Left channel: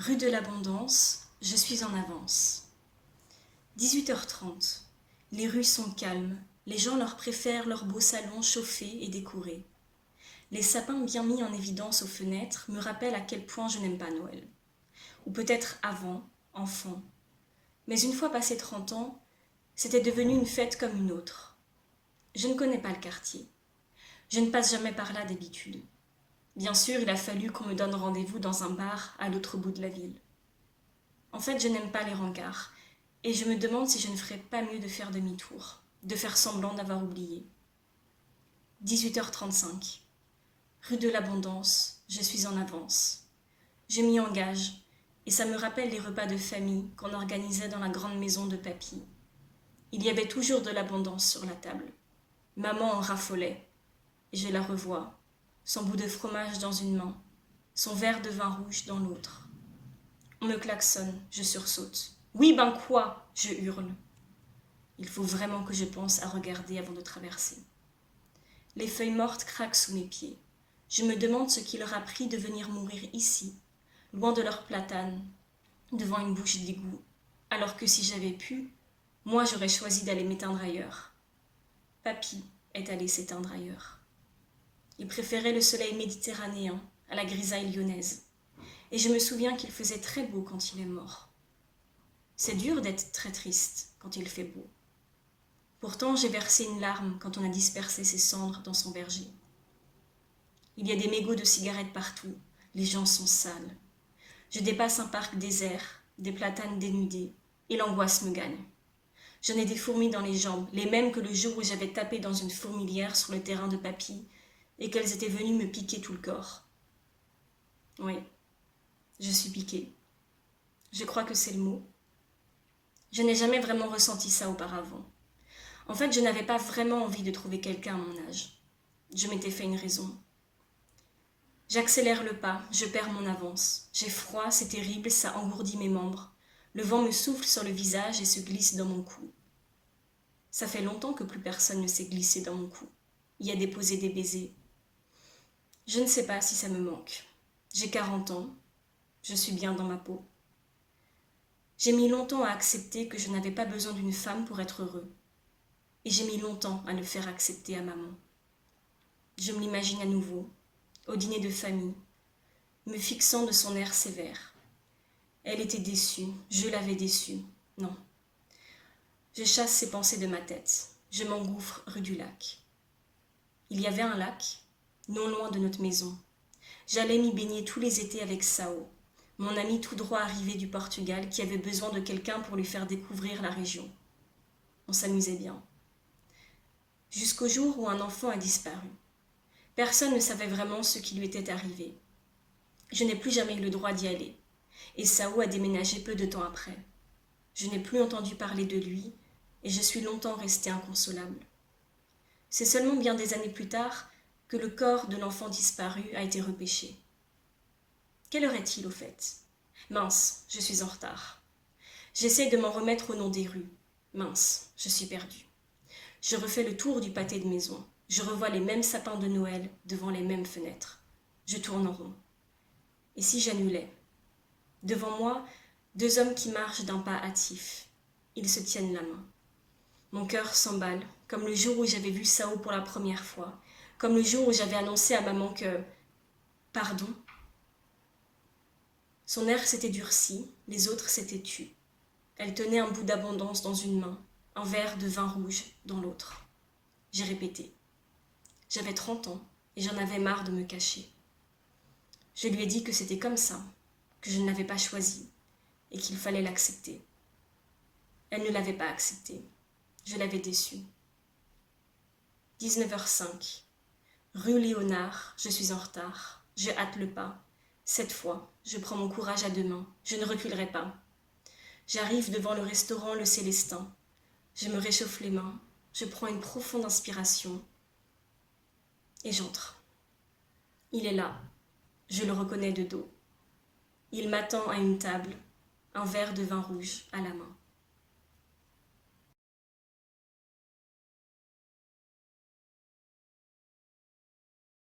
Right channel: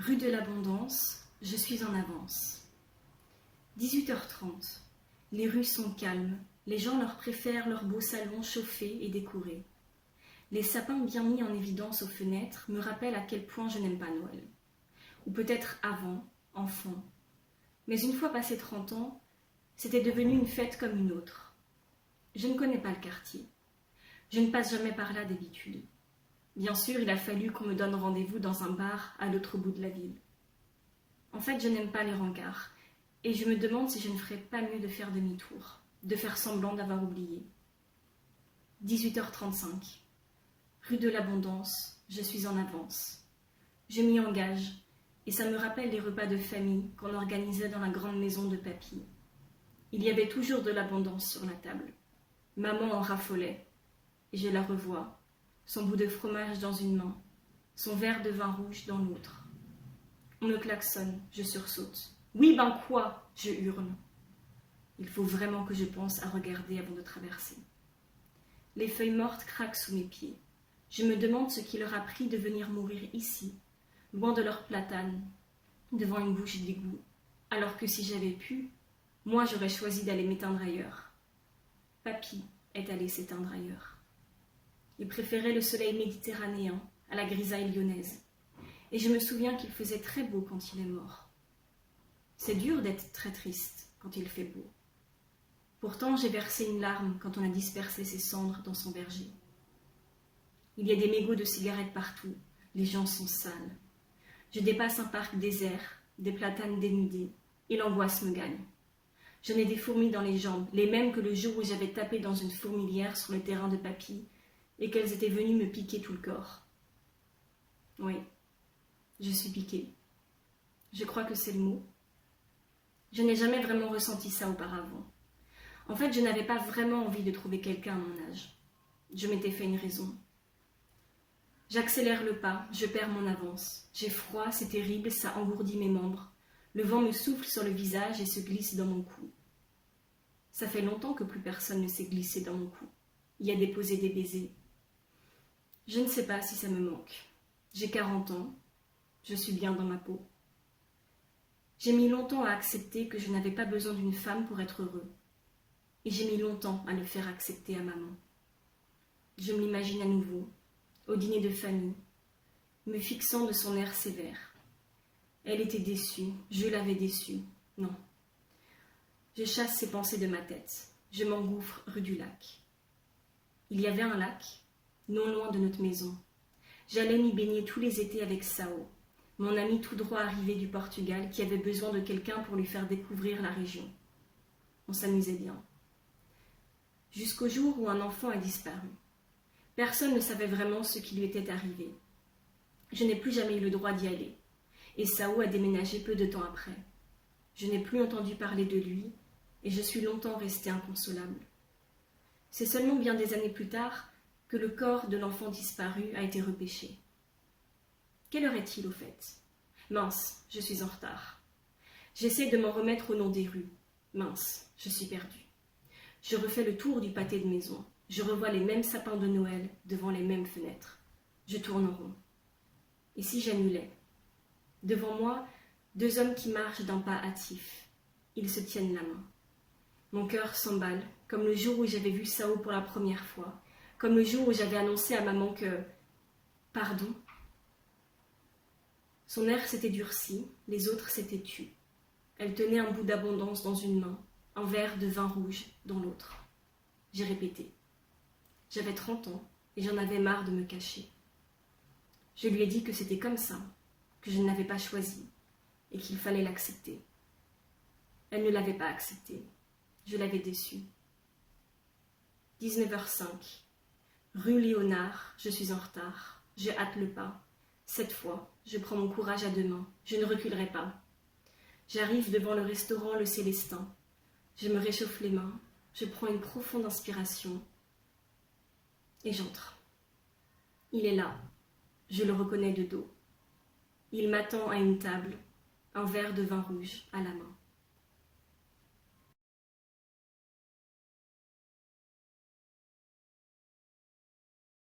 Rue de l'Abondance, je suis en avance. 18h30. Les rues sont calmes, les gens leur préfèrent leurs beaux salons chauffés et décorés. Les sapins bien mis en évidence aux fenêtres me rappellent à quel point je n'aime pas Noël. Ou peut-être avant, enfant. Mais une fois passé 30 ans, c'était devenu une fête comme une autre. Je ne connais pas le quartier. Je ne passe jamais par là d'habitude. Bien sûr, il a fallu qu'on me donne rendez-vous dans un bar à l'autre bout de la ville. En fait, je n'aime pas les rencarts, et je me demande si je ne ferais pas mieux de faire demi-tour, de faire semblant d'avoir oublié. 18h35. Rue de l'Abondance, je suis en avance. Je m'y engage, et ça me rappelle les repas de famille qu'on organisait dans la grande maison de papy. Il y avait toujours de l'abondance sur la table. Maman en raffolait, et je la revois, son bout de fromage dans une main, son verre de vin rouge dans l'autre. On me klaxonne, je sursaute. Oui, ben quoi? Je hurle. Il faut vraiment que je pense à regarder avant de traverser. Les feuilles mortes craquent sous mes pieds. Je me demande ce qui leur a pris de venir mourir ici, loin de leurs platanes, devant une bouche d'égout, alors que si j'avais pu, moi j'aurais choisi d'aller m'éteindre ailleurs. Papy est allé s'éteindre ailleurs. Il préférait le soleil méditerranéen à la grisaille lyonnaise. Et je me souviens qu'il faisait très beau quand il est mort. C'est dur d'être très triste quand il fait beau. Pourtant, j'ai versé une larme quand on a dispersé ses cendres dans son verger. Il y a des mégots de cigarettes partout, les gens sont sales. Je dépasse un parc désert, des platanes dénudés, et l'angoisse me gagne. J'en ai des fourmis dans les jambes, les mêmes que le jour où j'avais tapé dans une fourmilière sur le terrain de papy, et qu'elles étaient venues me piquer tout le corps. Oui, je suis piquée. Je crois que c'est le mot. Je n'ai jamais vraiment ressenti ça auparavant. En fait, je n'avais pas vraiment envie de trouver quelqu'un à mon âge. Je m'étais fait une raison. J'accélère le pas, je perds mon avance. J'ai froid, c'est terrible, ça engourdit mes membres. Le vent me souffle sur le visage et se glisse dans mon cou. Ça fait longtemps que plus personne ne s'est glissé dans mon cou. Y a déposé des baisers. Je ne sais pas si ça me manque. J'ai 40 ans. Je suis bien dans ma peau. J'ai mis longtemps à accepter que je n'avais pas besoin d'une femme pour être heureux. Et j'ai mis longtemps à le faire accepter à maman. Je me l'imagine à nouveau, au dîner de famille, me fixant de son air sévère. Elle était déçue, je l'avais déçue. Non. Je chasse ces pensées de ma tête. Je m'engouffre rue du lac. Il y avait un lac, non loin de notre maison. J'allais m'y baigner tous les étés avec Sao, mon ami tout droit arrivé du Portugal qui avait besoin de quelqu'un pour lui faire découvrir la région. On s'amusait bien. Jusqu'au jour où un enfant a disparu. Personne ne savait vraiment ce qui lui était arrivé. Je n'ai plus jamais eu le droit d'y aller, et Sao a déménagé peu de temps après. Je n'ai plus entendu parler de lui, et je suis longtemps restée inconsolable. C'est seulement bien des années plus tard que le corps de l'enfant disparu a été repêché. Quelle heure est-il au fait? Mince, je suis en retard. J'essaie de m'en remettre au nom des rues. Mince, je suis perdue. Je refais le tour du pâté de maison. Je revois les mêmes sapins de Noël devant les mêmes fenêtres. Je tourne en rond. Et si j'annulais? Devant moi, deux hommes qui marchent d'un pas hâtif. Ils se tiennent la main. Mon cœur s'emballe, comme le jour où j'avais vu Sao pour la première fois, comme le jour où j'avais annoncé à maman que... Pardon? Son air s'était durci, les autres s'étaient tus. Elle tenait un bout d'abondance dans une main, un verre de vin rouge dans l'autre. J'ai répété. J'avais 30 ans et j'en avais marre de me cacher. Je lui ai dit que c'était comme ça, que je ne l'avais pas choisi et qu'il fallait l'accepter. Elle ne l'avait pas accepté. Je l'avais déçue. 19h05. Rue Léonard, je suis en retard. Je hâte le pas. Cette fois, je prends mon courage à deux mains. Je ne reculerai pas. J'arrive devant le restaurant Le Célestin. Je me réchauffe les mains. Je prends une profonde inspiration. Et j'entre. Il est là. Je le reconnais de dos. Il m'attend à une table, un verre de vin rouge à la main.